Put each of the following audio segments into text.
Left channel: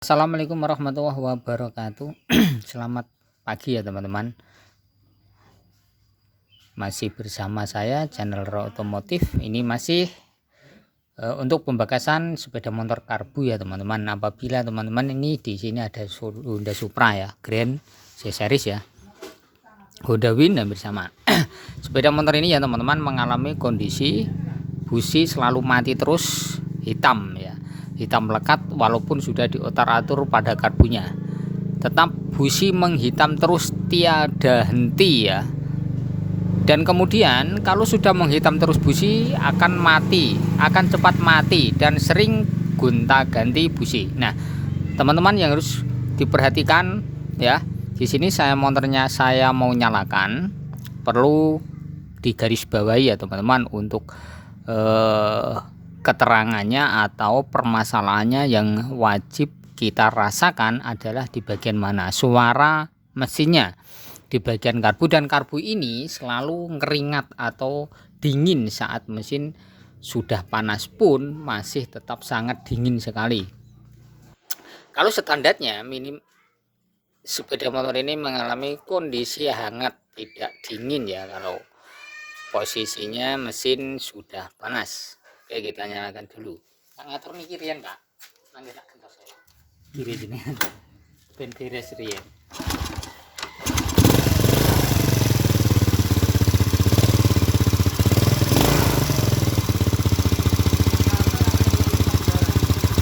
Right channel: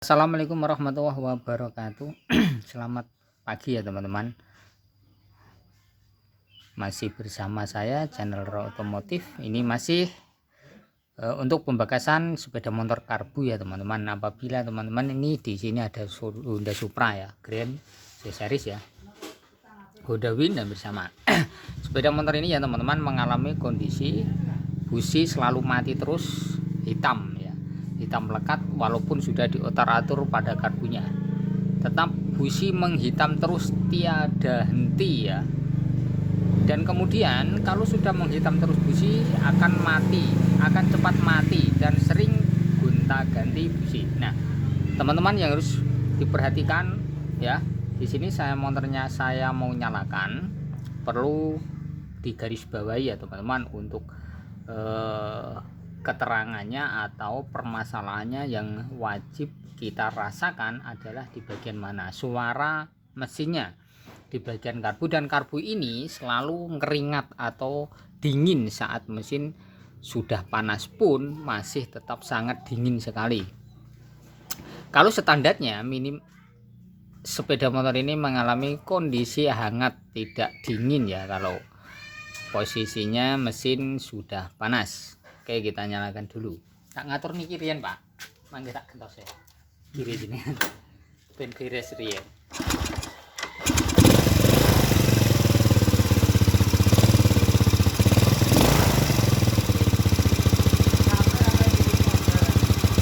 Assalamualaikum warahmatullahi wabarakatuh. Selamat pagi ya teman-teman. Masih bersama saya channel Raw Otomotif. Ini masih untuk pembakasan sepeda motor karbu ya teman-teman. Apabila teman-teman ini di sini ada Honda Supra ya, Grand C series ya, Honda Win hampir sama. Sepeda motor ini ya teman-teman mengalami kondisi busi selalu mati terus, hitam ya, hitam melekat walaupun sudah diotar-atur pada karbunya, tetap busi menghitam terus tiada henti ya. Dan kemudian kalau sudah menghitam terus busi akan mati, akan cepat mati dan sering gonta-ganti busi. Nah teman-teman yang harus diperhatikan ya, di sini motornya saya mau nyalakan, perlu digarisbawahi ya teman-teman untuk keterangannya atau permasalahannya yang wajib kita rasakan adalah di bagian mana suara mesinnya, di bagian karbu. Dan karbu ini selalu ngeringat atau dingin saat mesin sudah panas pun masih tetap sangat dingin sekali. Kalau standarnya minim sepeda motor ini mengalami kondisi hangat tidak dingin ya kalau posisinya mesin sudah panas. Oke, kita nyalakan dulu. Tak ngatur nih kirian pak, mangga tak kentos ya kiri gini ben beres riyen.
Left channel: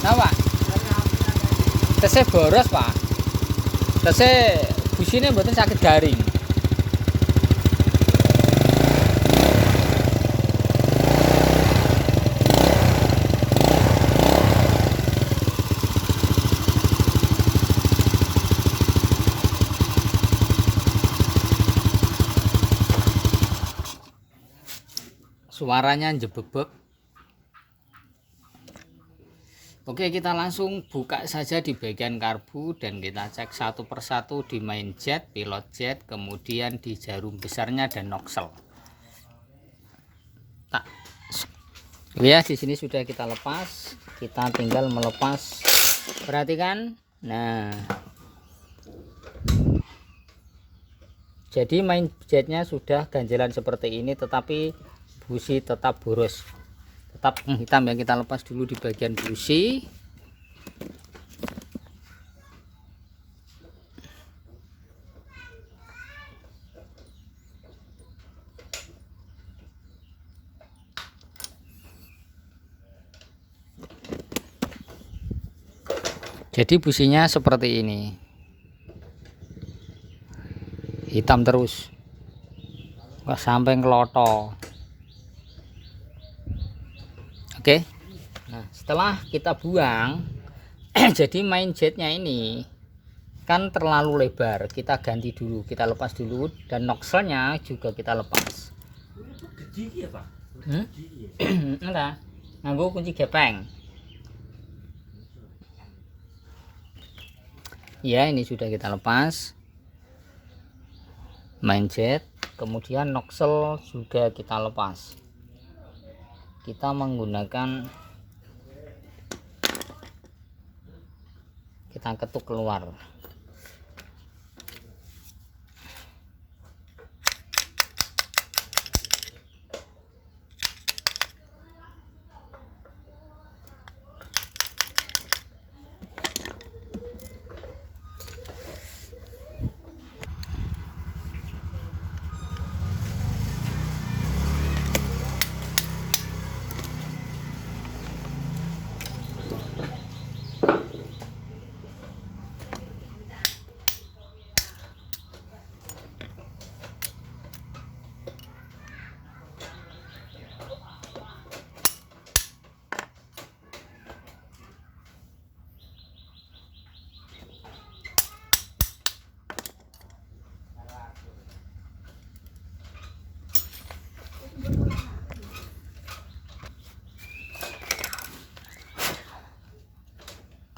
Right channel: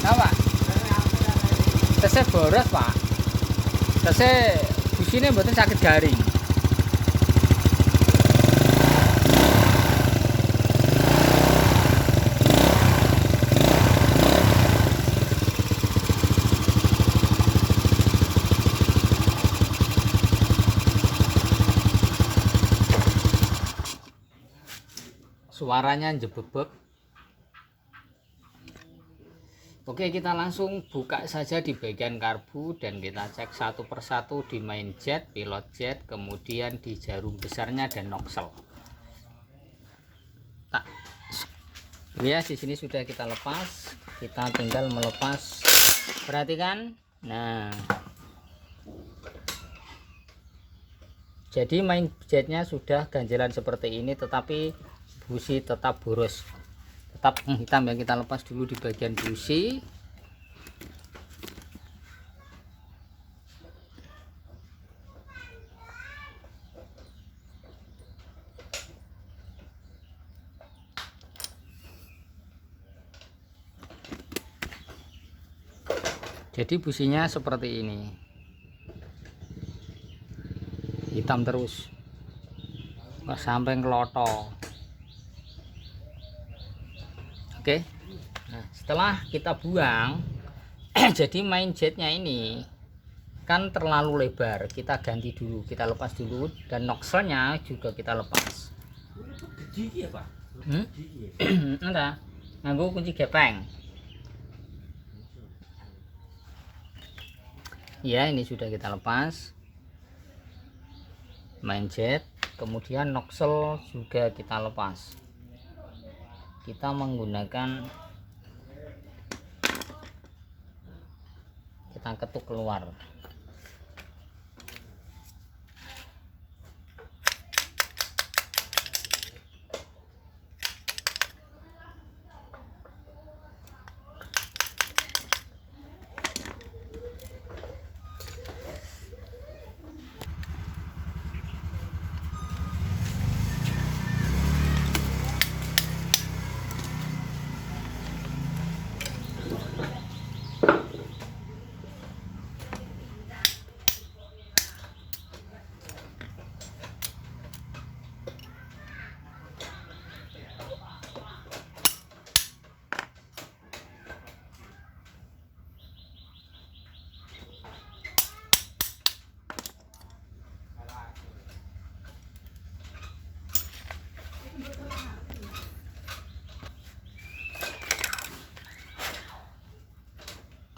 Apa? Tesnya boros pak, tesnya businya mboten sakit garing. Suaranya jebebek. Oke, kita langsung buka saja di bagian karbu dan kita cek satu persatu di main jet, pilot jet, kemudian di jarum besarnya dan noksel. Tak. Ya, di sini sudah kita lepas. Kita tinggal melepas. Perhatikan. Nah. Jadi main jetnya sudah ganjelan seperti ini, tetapi busi tetap boros, tetap hitam ya. Kita lepas dulu di bagian busi. Jadi businya seperti ini, hitam terus sampai ngeloto. Oke, nah setelah kita buang jadi main jetnya ini kan terlalu lebar, kita ganti dulu, kita lepas dulu, dan nokselnya juga kita lepas. Enggak, nganggo kunci gepeng ya. Ini sudah kita lepas main jet, kemudian noksel juga kita lepas. Kita menggunakan, kita ketuk keluar.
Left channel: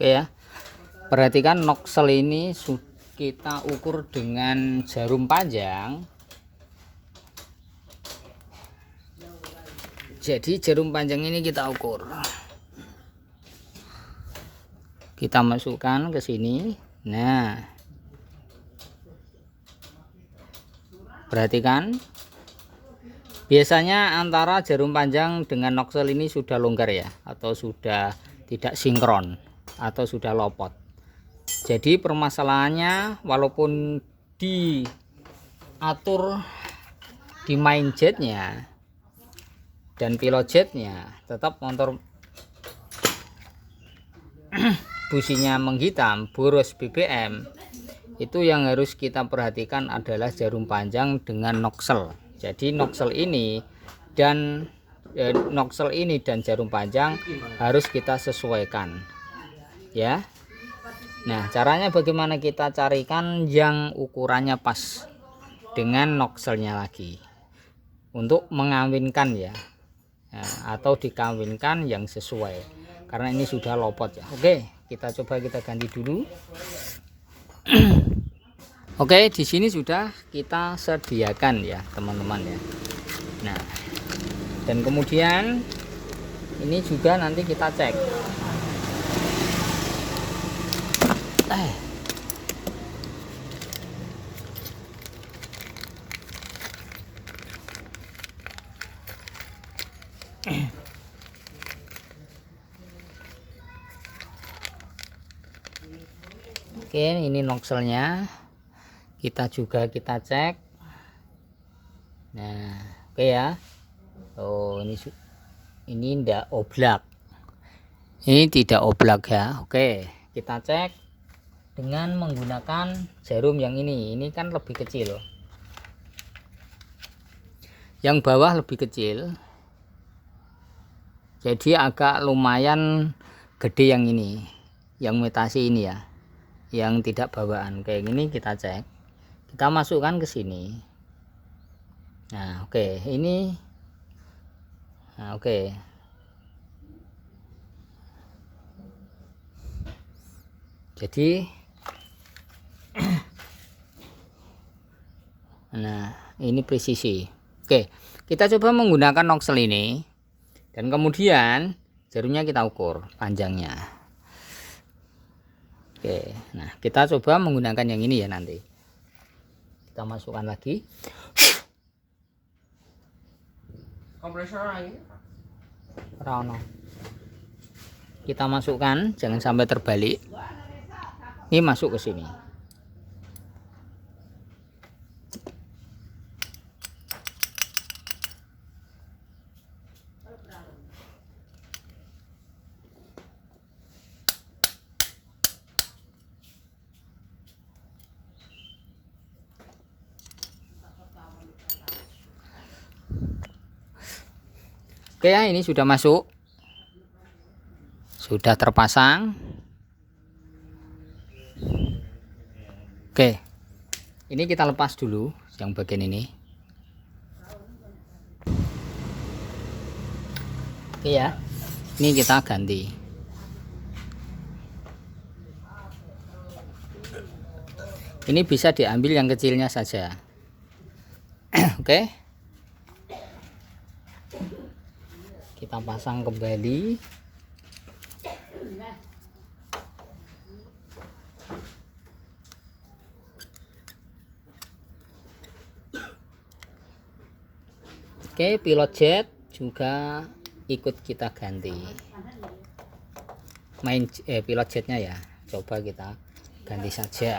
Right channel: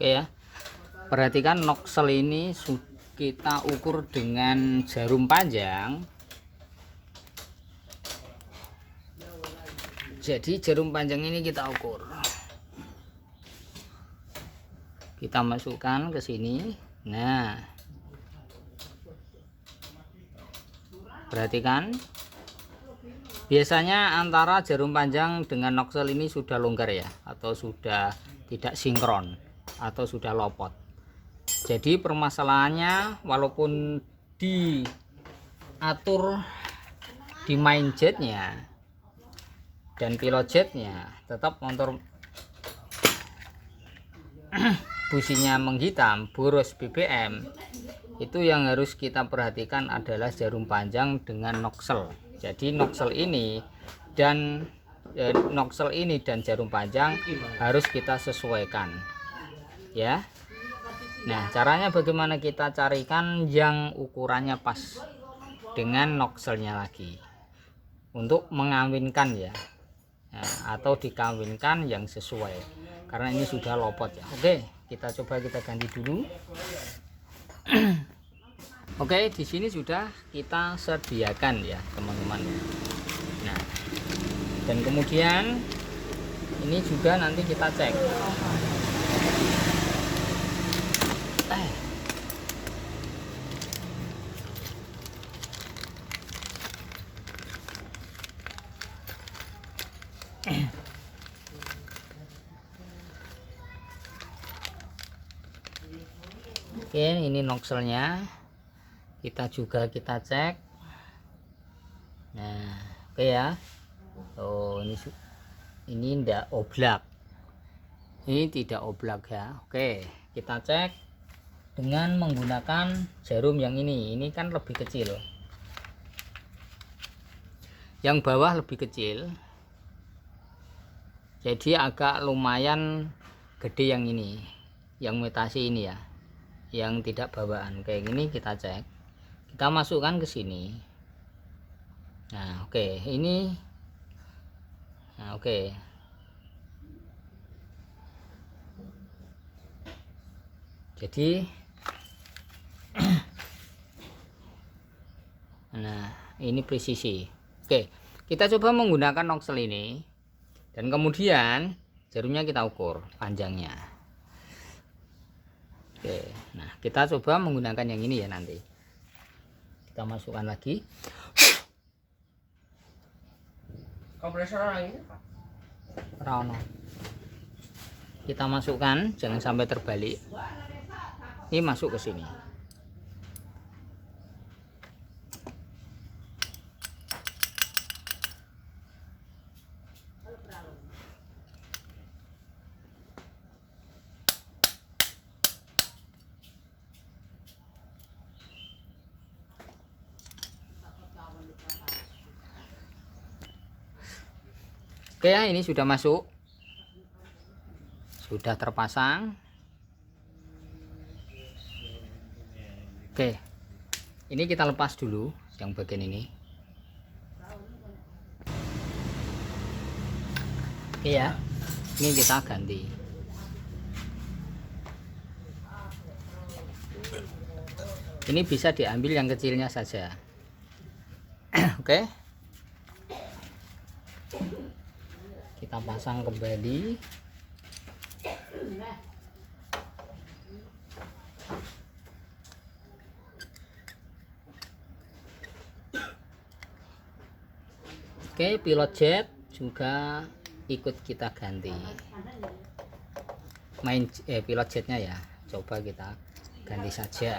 Oke ya, perhatikan noksel ini kita ukur dengan jarum panjang. Jadi jarum panjang ini kita ukur, kita masukkan ke sini. Nah, perhatikan, biasanya antara jarum panjang dengan noksel ini sudah longgar ya, atau sudah tidak sinkron, atau sudah lopot. Jadi permasalahannya, walaupun diatur di main jetnya dan pilot jetnya, tetap motor businya menghitam, boros BBM. Itu yang harus kita perhatikan adalah jarum panjang dengan noksel. Jadi noksel ini dan jarum panjang harus kita sesuaikan ya. Nah, caranya bagaimana kita carikan yang ukurannya pas dengan nokselnya lagi untuk mengawinkan ya, atau dikawinkan yang sesuai, karena ini sudah lopot ya. Oke, kita coba kita ganti dulu. Oke, di sini sudah kita sediakan ya teman-teman ya. Nah, dan kemudian ini juga nanti kita cek. Oke, ini nokselnya kita cek. Nah, oke ya. Oh, ini tidak oblak, ini tidak oblak ya. Oke, kita cek dengan menggunakan jarum yang ini kan lebih kecil, yang bawah lebih kecil, jadi agak lumayan gede yang ini, yang metasi ini ya, yang tidak bawaan kayak gini. Kita cek, kita masukkan ke sini. Nah, oke, ini oke. Jadi nah, ini presisi. Oke, kita coba menggunakan noksel ini, dan kemudian jarumnya kita ukur panjangnya. Oke, nah kita coba menggunakan yang ini ya. Nanti kita masukkan lagi. Kompresor lagi Rano. Kita masukkan, jangan sampai terbalik. Ini masuk ke sini. Oke ya, ini sudah masuk, sudah terpasang. Oke, ini kita lepas dulu yang bagian ini. Oke ya, ini kita ganti. Ini bisa diambil yang kecilnya saja. Oke, kita pasang kembali. Oke, pilot jet juga ikut kita ganti. Pilot jetnya ya, coba kita ganti saja.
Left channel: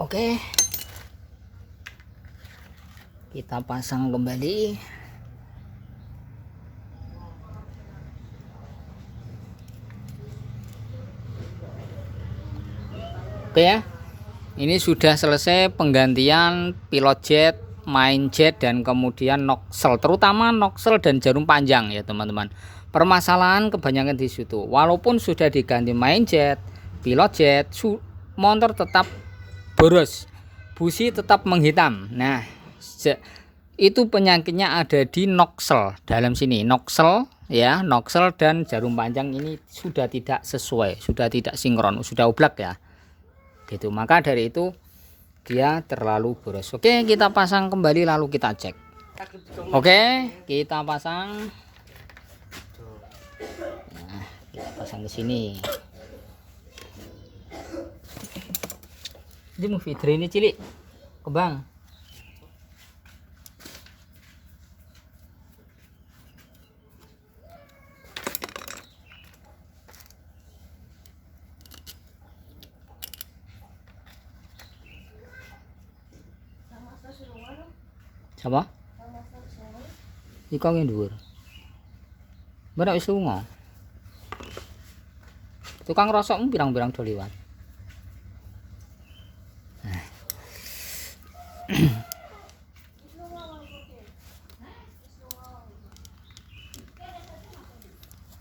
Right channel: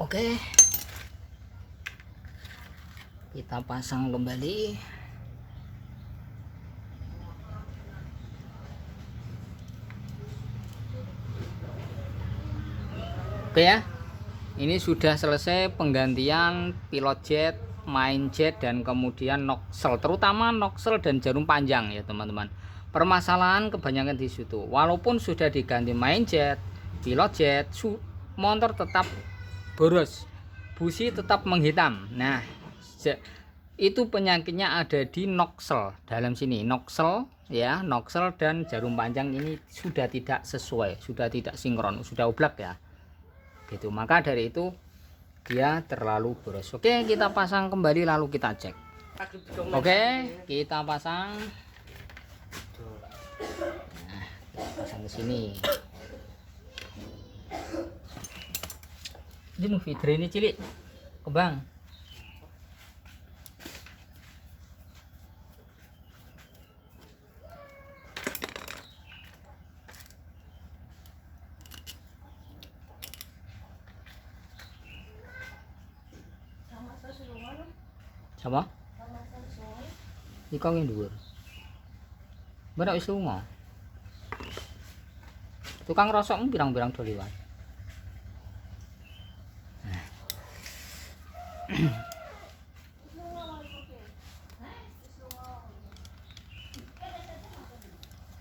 Oke, kita pasang kembali. Oke ya, ini sudah selesai penggantian pilot jet, main jet, dan kemudian noksel, terutama noksel dan jarum panjang ya teman-teman. Permasalahan kebanyakan di situ. Walaupun sudah diganti main jet, pilot jet, motor tetap boros, busi tetap menghitam. Nah, itu penyakitnya ada di noksel dalam sini. Noksel ya, noksel dan jarum panjang ini sudah tidak sesuai, sudah tidak sinkron, sudah oblak ya. Gitu. Maka dari itu dia terlalu boros. Oke, kita pasang kembali lalu kita cek. Oke, kita pasang. Nah, kita pasang ke sini. Ini feeder ini cilik, kembang. Sama? Iko yang dhuwur. Berak wis lunga. Tukang rosok pirang-pirang do liwat.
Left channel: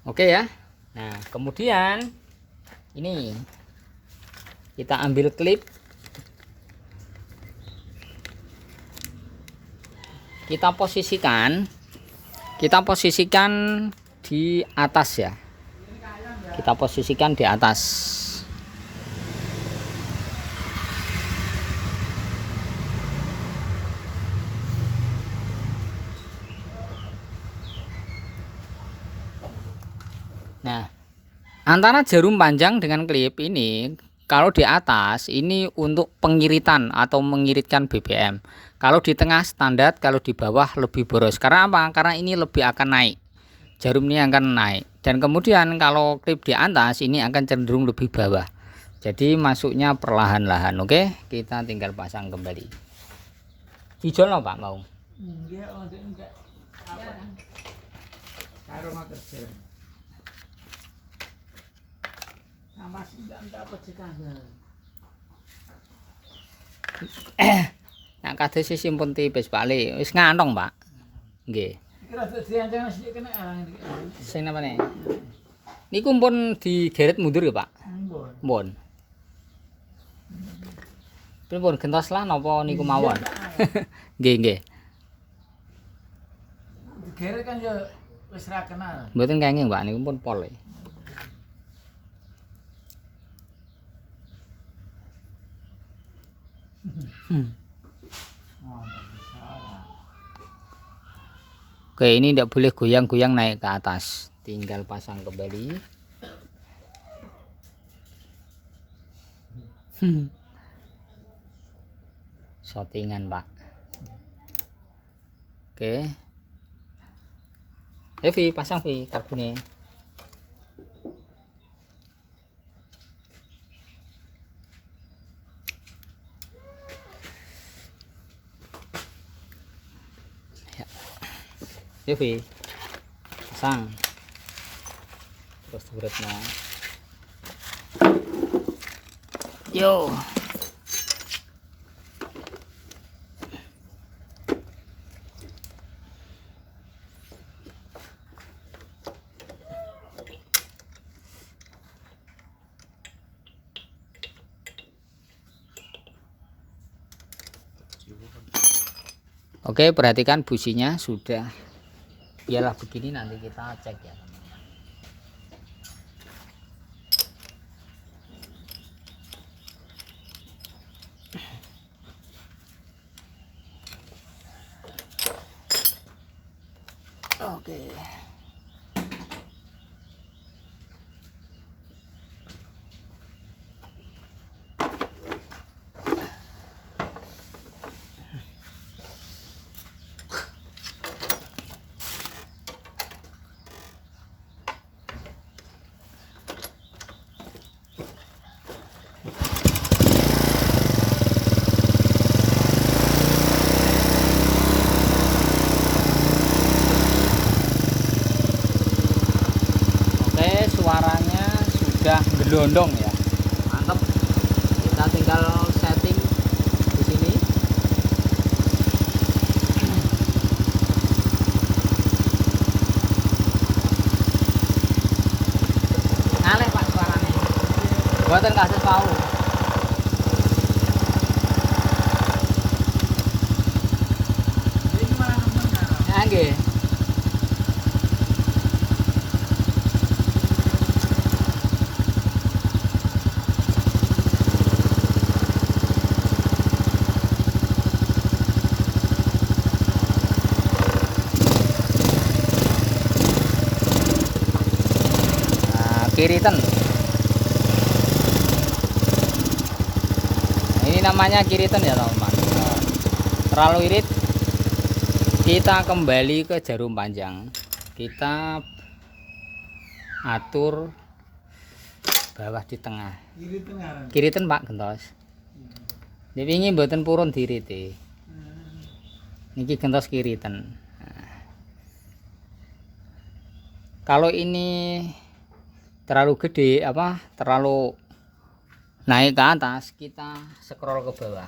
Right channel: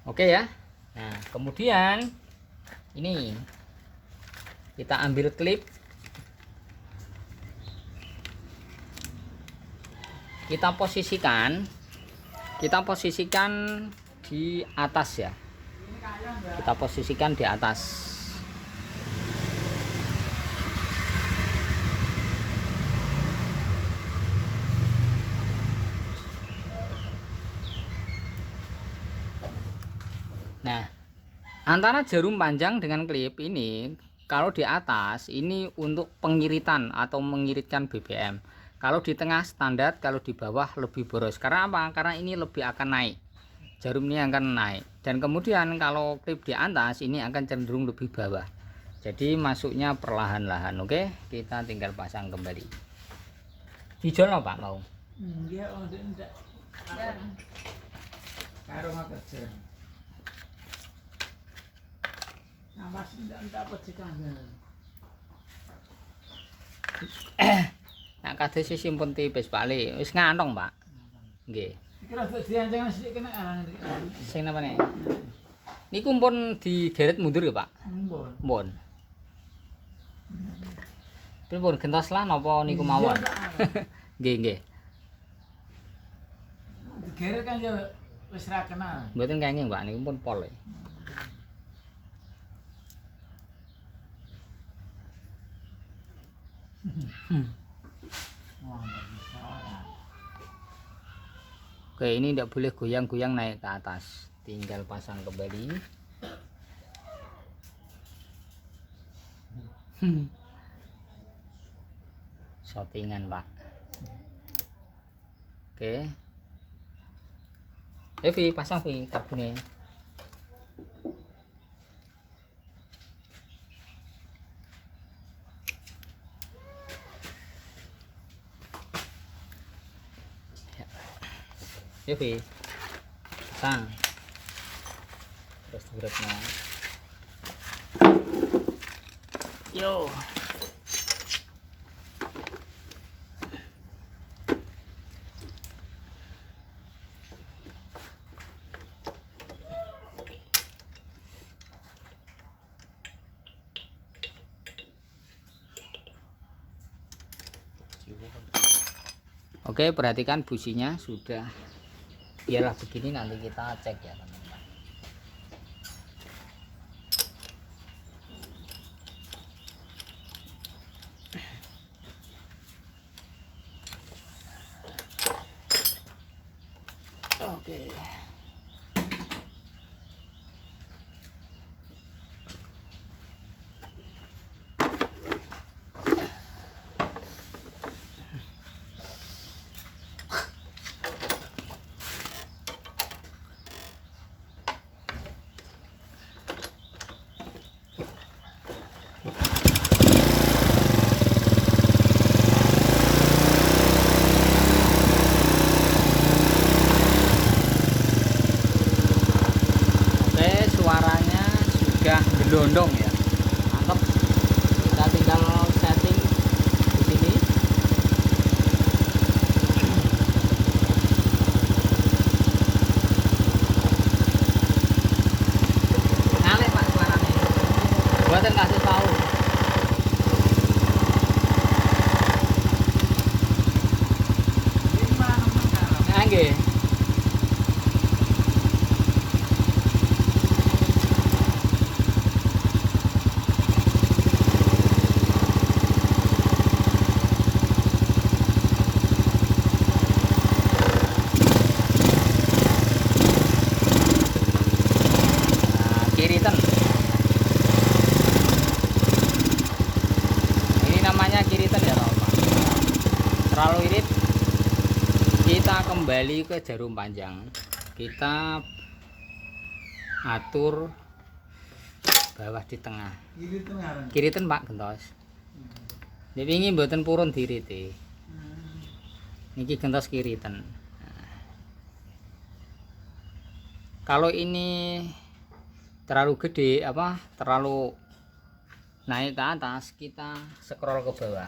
Oke ya. Nah, kemudian ini kita ambil klip, kita posisikan di atas ya. Kita posisikan di atas. Nah, antara jarum panjang dengan klip ini, kalau di atas ini untuk pengiritan atau mengiritkan BBM. Kalau di tengah standar, kalau di bawah lebih boros. Karena apa? Karena ini lebih akan naik. Jarum ini akan naik. Dan kemudian kalau klip di atas ini akan cenderung lebih bawah. Jadi masuknya perlahan-lahan. Oke, kita tinggal pasang kembali. Dijol no, Pak mau? Dia enggak. Karo kerja. Nama enggak apa cikane. Nah, kados simpun tipis Pak Le. Wis ngantong, Pak. Nggih. Kira tuh diancang sithik kena Sing napa nek? Niku pun digeret mundur ya, Pak? Mpun. Pripun gentos lah napa niku mawon? Nggih, nggih. Digeret kan ya wis ra kenal. Mboten kenging, Pak, niku pun pol. Oke, ini tidak boleh goyang-goyang naik ke atas. Tinggal pasang kembali. Shottingan, Pak. Oke. Vi, pasang Vi karbonnya. Ya Vi, pasang. Terus beratnya. Yo. Oke, perhatikan businya sudah. Biarlah begini, nanti kita cek ya teman-teman. Oke. Suaranya sudah gelondong ya, mantap. Kita tinggal setting di sini. Ngalih Pak suaranya, buatin kasih tahu. Nggih. kiritan. Ini namanya kiritan ya teman-teman. Terlalu irit, kita kembali ke jarum panjang. Kita atur bawah di tengah. Kiri tengah. Kiritan Pak gentos. Nek wingi mboten purun dirite. Niki gentos kiritan. Nah. Kalau ini terlalu gede terlalu naik ke atas, kita scroll ke bawah.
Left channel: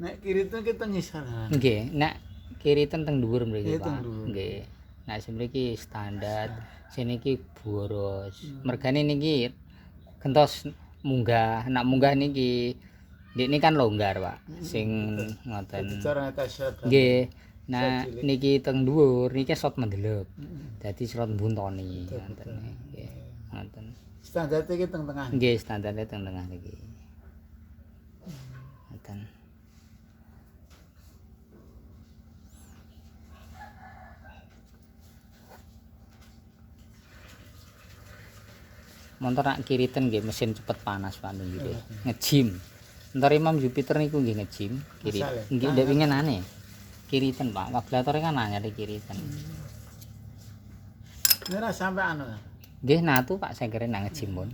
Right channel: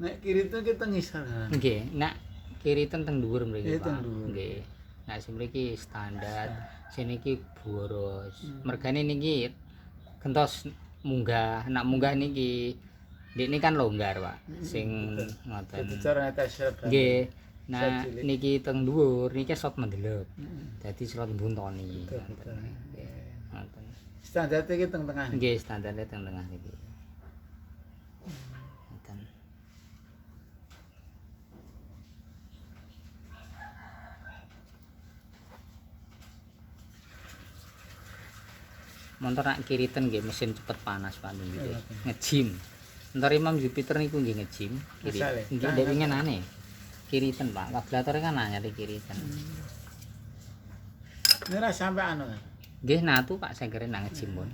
Nek kiri itu kita ngisor. Nggih, nek kiri teng dhuwur mriki Iya, Pak. teng dhuwur. Nggih. Nek semriki standar, seniki boros. Mergane niki gentos munggah, nak munggah niki ini kan longgar Pak, sing ngoten. Itu cara ngetes. Nggih. Nah, niki teng dhuwur niki slot mendelok. Dadi slot buntoni. Betul, Ngoten. betul. Nggih. Ngoten. Standar iki teng tengah. Nggih, standarnya teng tengah niki. Ngoten. Montor nak kiritan nggih mesin cepet panas Pak niki. Ngejim. Montor Imam Jupiter niku nggih ngejim kiri. Misale, Nggih ndek wingi aneh. Kiritan Pak, kablatore kan anyar kiritan. Ini ora sampai anu. Nggih natu Pak saya kira nang ngejim pun.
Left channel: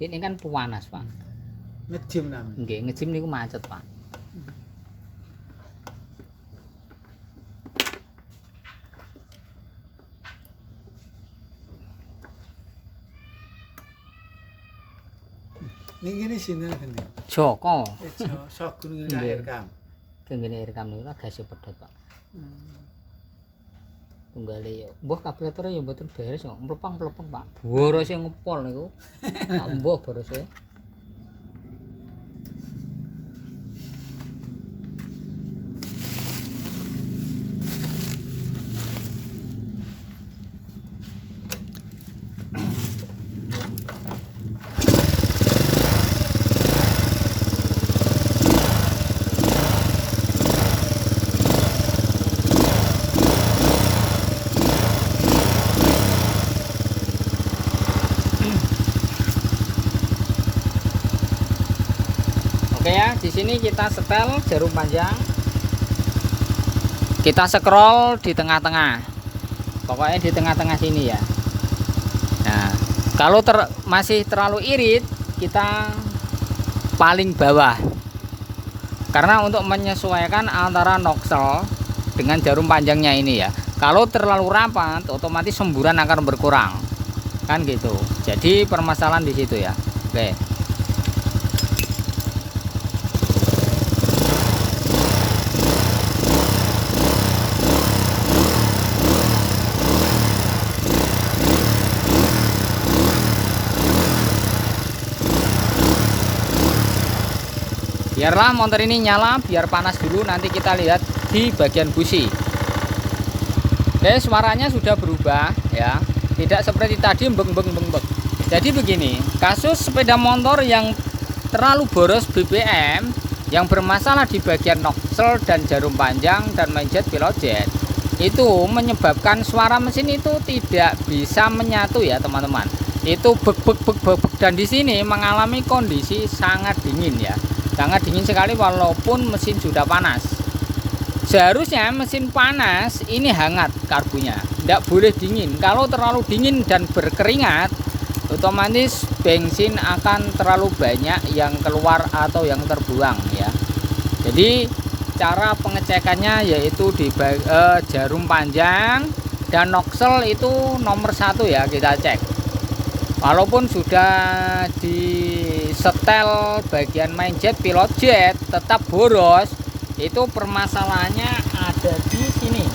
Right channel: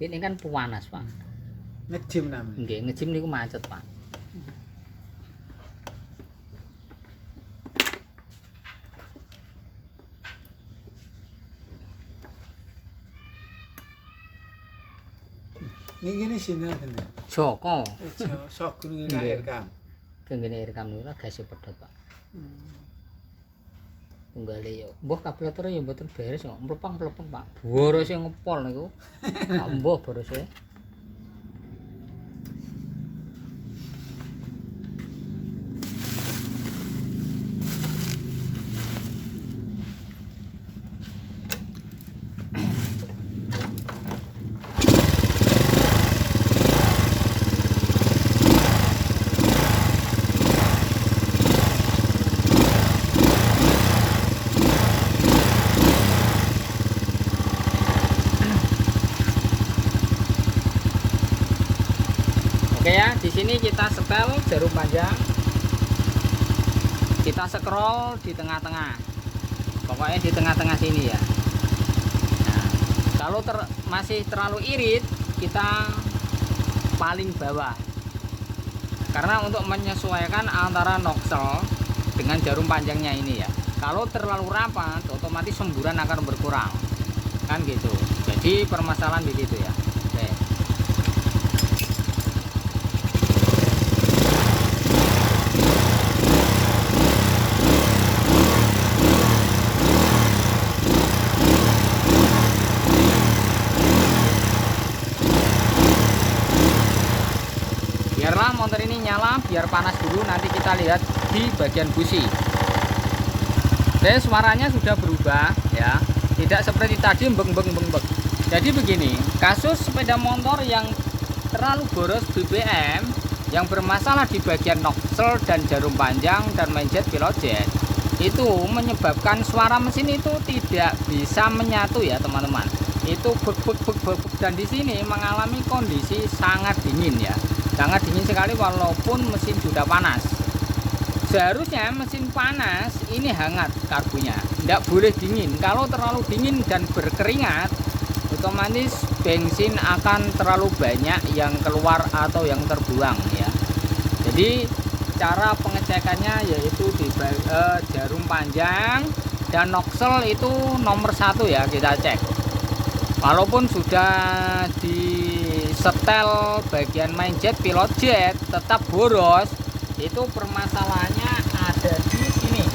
Ini kan panas Pak. Ngejim namanya. Nggih ngejim niku macet Pak. Ini gini sini kan. Joko. Sok gunung Nggih. air kam. Kengene rekam niku gasih pedhot Pak. Tunggale yo. Mbah kablatore yo mboten beres kok. Mlepang-mlepeng Pak. Borose ngepol niku. Tak mbah borose. Oke ya, di sini kita setel jarum panjang. Kita scroll di tengah-tengah. Pokoknya di tengah-tengah sini ya. Nah, kalau masih terlalu irit, kita paling bawah. Karena untuk menyesuaikan antara nozzle dengan jarum panjangnya ini ya. Kalau terlalu rapat, otomatis semburan akan berkurang. Kan gitu. Jadi permasalahan di situ ya. Oke. Biarlah motor ini nyala, biar panas dulu, nanti kita lihat di bagian busi. Oke, suaranya sudah berubah ya, tidak seperti tadi beng. Jadi begini, kasus sepeda motor yang terlalu boros BBM, yang bermasalah di bagian nozzle dan jarum panjang dan mainjet pilot jet, itu menyebabkan suara mesin itu tidak bisa menyatu ya teman-teman. Itu bek dan di sini mengalami kondisi sangat dingin ya. Sangat dingin sekali walaupun mesin sudah panas. Seharusnya mesin panas ini hangat karbunya, tidak boleh dingin. Kalau terlalu dingin dan berkeringat, otomatis bensin akan terlalu banyak yang keluar atau yang terbuang ya. Jadi cara pengecekannya yaitu di jarum panjang dan nozzle itu nomor 1 ya, kita cek. Walaupun sudah disetel bagian main jet pilot jet tetap boros, itu permasalahannya ada di sini.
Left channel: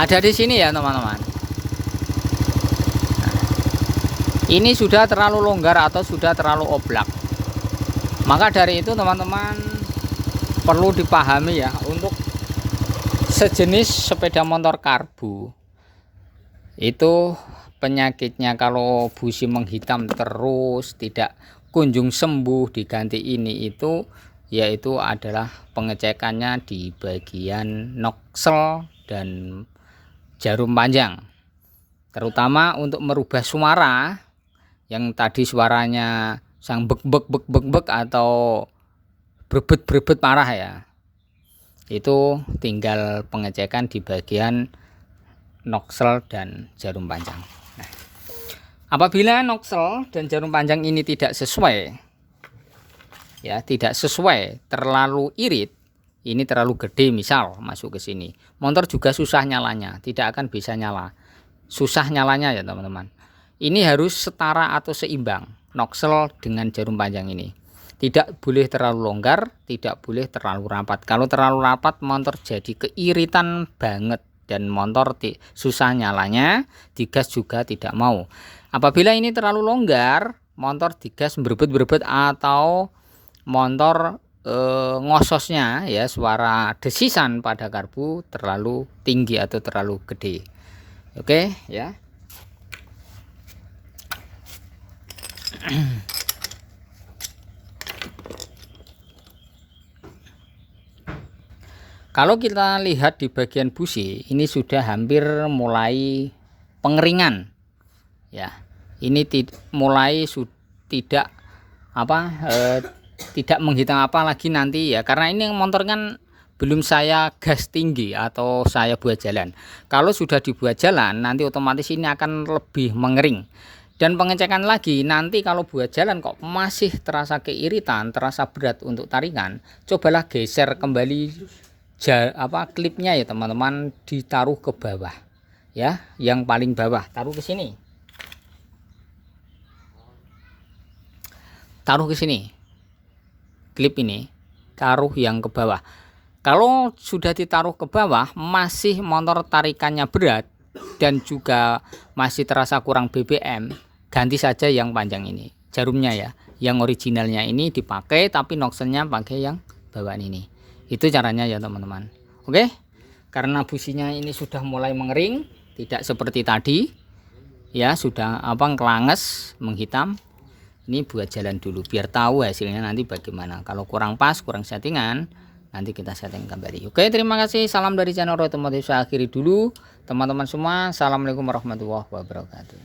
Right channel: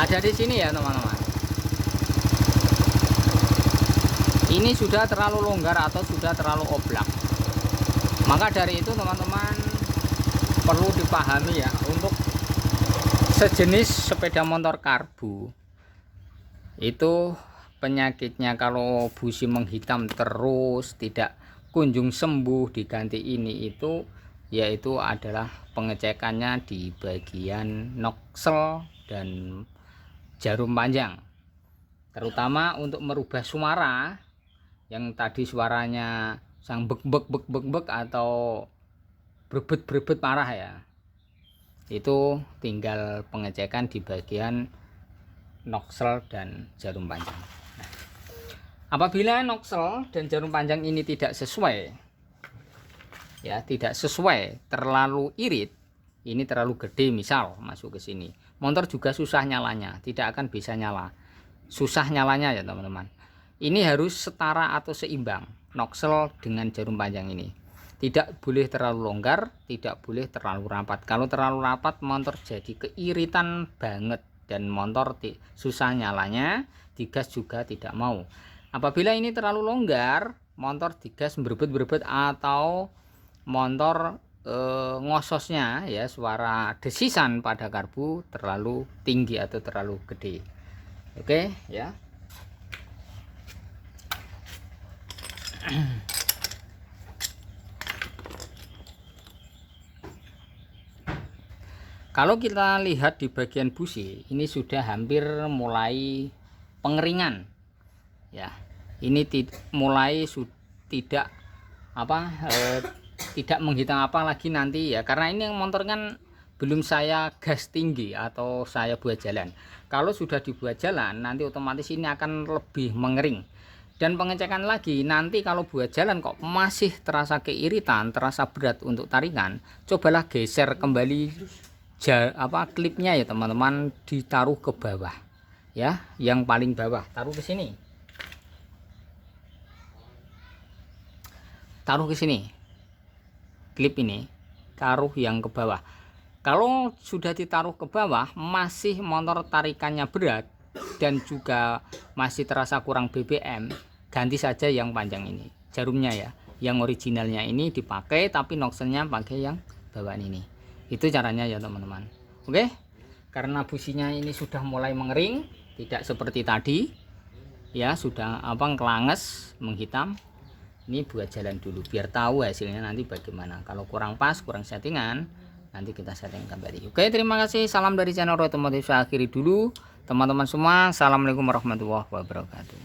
Ada di sini ya teman-teman. ini sudah terlalu longgar atau sudah terlalu oblak. Maka dari itu teman-teman perlu dipahami ya, untuk sejenis sepeda motor karbu itu penyakitnya kalau busi menghitam terus tidak kunjung sembuh diganti ini itu, yaitu adalah pengecekannya di bagian noksel dan jarum panjang, terutama untuk merubah suara yang tadi suaranya sang bek bek bek bek bek atau brebet brebet parah ya, itu tinggal pengecekan di bagian noksel dan jarum panjang. Nah, apabila noksel dan jarum panjang ini tidak sesuai ya, tidak sesuai, terlalu irit, ini terlalu gede misal masuk ke sini, motor juga susah nyalanya, tidak akan bisa nyala, susah nyalanya ya teman-teman. Ini harus setara atau seimbang noksel dengan jarum panjang ini. Tidak boleh terlalu longgar, tidak boleh terlalu rapat. Kalau terlalu rapat motor jadi keiritan banget dan motor susah nyalanya, digas juga tidak mau. Apabila ini terlalu longgar, motor digas berebet-berebet atau motor ngososnya ya, suara desisan pada karbu terlalu tinggi atau terlalu gede. Oke ya. Kalau kita lihat di bagian busi, ini sudah hampir mulai pengeringan ya. Ini mulai tidak tidak menghitam apa lagi nanti ya, karena ini motor kan belum saya gas tinggi atau saya buat jalan. Kalau sudah dibuat jalan nanti otomatis ini akan lebih mengering. Dan pengecekan lagi nanti kalau buat jalan kok masih terasa keiritan, terasa berat untuk tarikan, cobalah geser kembali klipnya ya teman-teman, ditaruh ke bawah ya, yang paling bawah taruh ke sini, taruh ke sini, klip ini taruh yang ke bawah. Kalau sudah ditaruh ke bawah masih motor tarikannya berat dan juga masih terasa kurang BBM, ganti saja yang panjang ini jarumnya ya, yang originalnya ini dipakai tapi nokselnya pakai yang bawaan ini. Itu caranya ya teman-teman. Oke, karena businya ini sudah mulai mengering, tidak seperti tadi ya, sudah kelanges menghitam. Ini buat jalan dulu biar tahu hasilnya nanti bagaimana. Kalau kurang pas, kurang settingan, nanti kita setting kembali. Oke, terima kasih. Salam dari channel Otomotif. Saya akhiri dulu teman-teman semua. Assalamualaikum warahmatullahi wabarakatuh.